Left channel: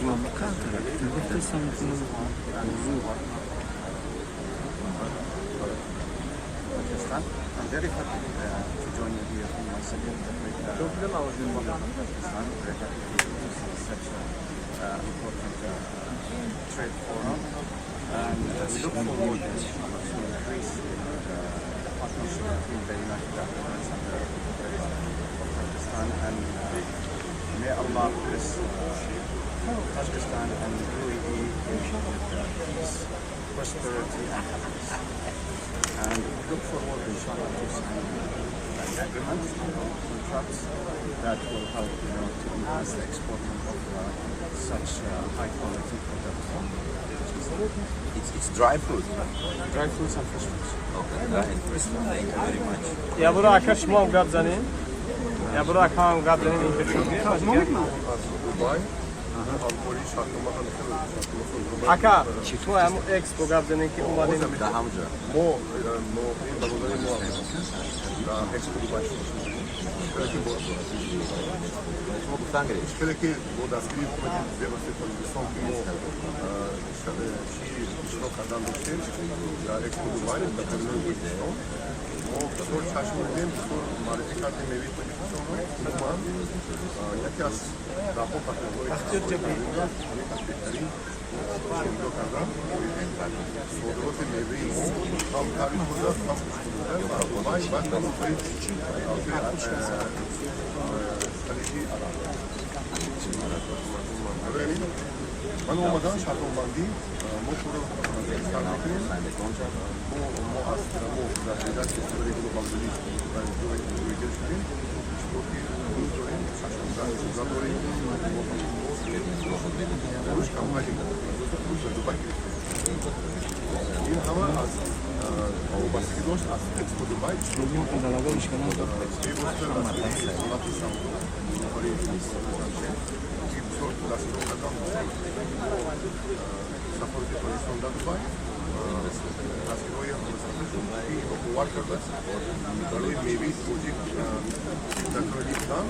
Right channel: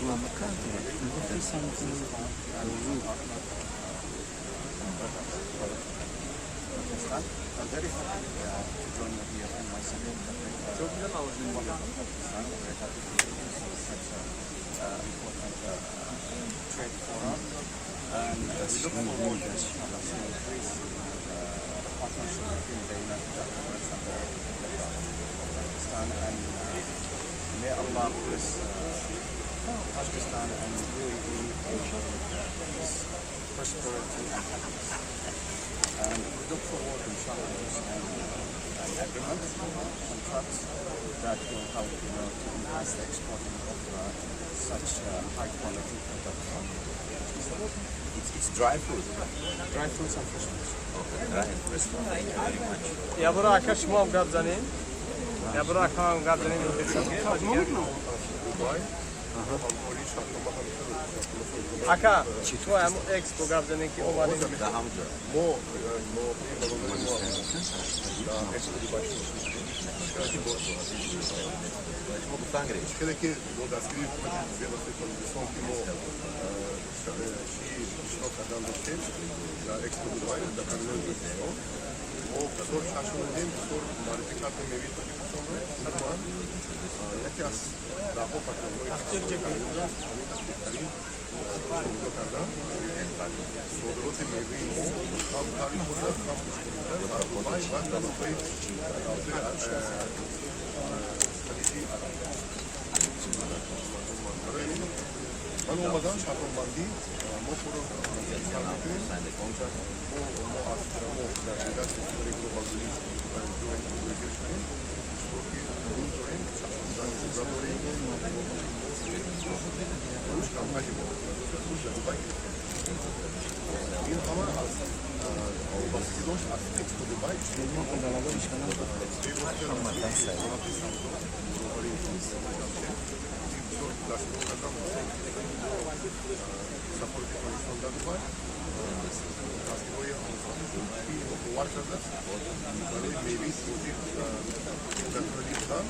I'm very happy to join you here in my second Pakistan. Very happy to see such an important trade forum, and we look forward inshallah to increase the partnership between the United Arab Emirates and the Republic of Pakistan, and may Allah bless Pakistan and UAE with peace, prosperity and happiness. And we look forward, inshallah, to sign an agreement, contracts that will help, to enhance the exporting of such high-quality products. It's dry fruit. Dry fruits and fresh fruits. Okay, dry and fresh. Thank you very much. يا براك ايش ما مقابلين؟ يا براك ما مقابلين Dubai. حكا تو هم اكسپو قابلين كي اومدیم Da Hamza. ما این برادر ما در اکسپو دوبای شما گفتن گریش. شده که با دستگیری حکومت بیراستی تاجیکستان که ما اشتراک کردن داشتیم در اکسپو دوبای در کابینای تاجیکستان ما بسیار چشم می‌دیم، بسیار معرفی کردیم میوه تاجیکستان رو. عموما یکی از ده‌ها پترهای همین از بهترین شروع کردن صادرات میوه ما هم تعریف شده هم خوش‌بوده و دوبای و مناطق خلیجی عرب. من اومدن شهربندی ما پورو استفاده می‌کنیم. ما از در شدت استفاده گلوبالی و دویده شدیم. شروعی داریم، ساشوندن داریم. روش کمپانی ما روش دوبای. این همه از وابستگی داشت از اکسپو دوبای شروعی ما پیوستر از صنعت سامسونگ برای جامعه بسیار دستور کردم سفر به پاکستان در دوبای دستورهای آموزشی و قوار کرده برای میوه توجیه نتوری بودن